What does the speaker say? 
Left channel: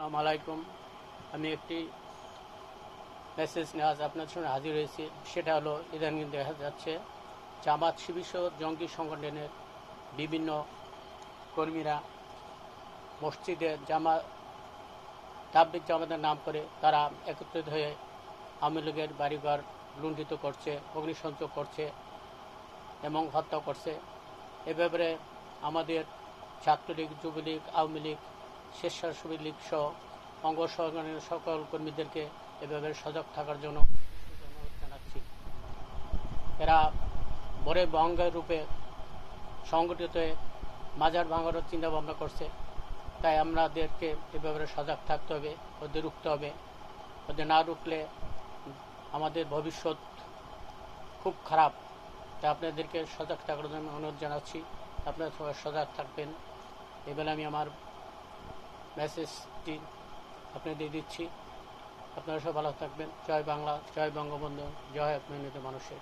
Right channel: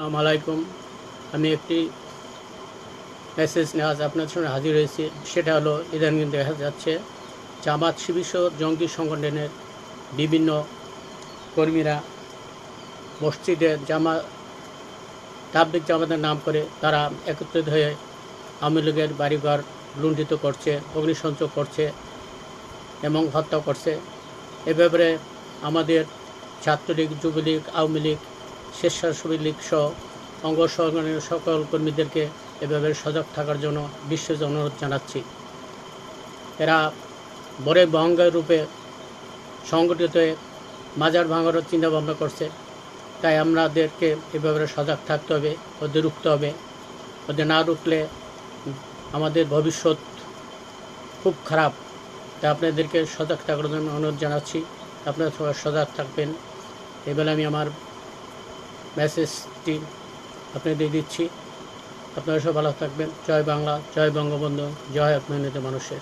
আসসালামু আলাইকুম। আমি একটি মেসেজ নিয়ে আজ আপনাদের সামনে হাজির হয়েছি। সেটা হলো, ইদানিং দেখা যাচ্ছে জামাত শিবির জঙ্গি সংগঠনের বিভিন্ন কর্মীরা মসজিদে তাবলিগ জামাতের নাম করে তারা একত্রিত হয়ে আওয়ামী লীগের বাড়িঘর লুণ্ঠিত করছে, অগ্নিসংযোগ করছে এবং হত্যা করছে। এ ব্যাপারে আমাদের ছাত্রলীগ, যুবলীগ, আওয়ামী লীগ, স্বেচ্ছাসেবী লীগ সহ অঙ্গ সংগঠনের সকল কর্মীদেরকে এ ব্যাপারে সজাগ থাকার জন্য বিশেষ অনুরোধ জানাচ্ছি। এরা বড় বহঙ্গার রূপে সংগঠিত হয়ে মাজার ভাঙানোর চিন্তাভাবনা করছে। তাই আমাদেরকে এ ব্যাপারে সজাগ থাকতে হবে, ওদের রুখতে হবে। ওদের না রুখলে আমাদের ভবিষ্যৎ খুব খারাপ। তাই আপনাদেরকে সজাগ থাকার জন্য অনুরোধ জানাচ্ছি। আপনারা সবাই সজাগ থাকবেন। এবেলা আমি আমার মেসেজটি আপনাদের দিচ্ছি। আপনারা সব ভালো থাকবেন। জয় বাংলা, জয় বঙ্গবন্ধু, জয় মেহনতি মানুষের।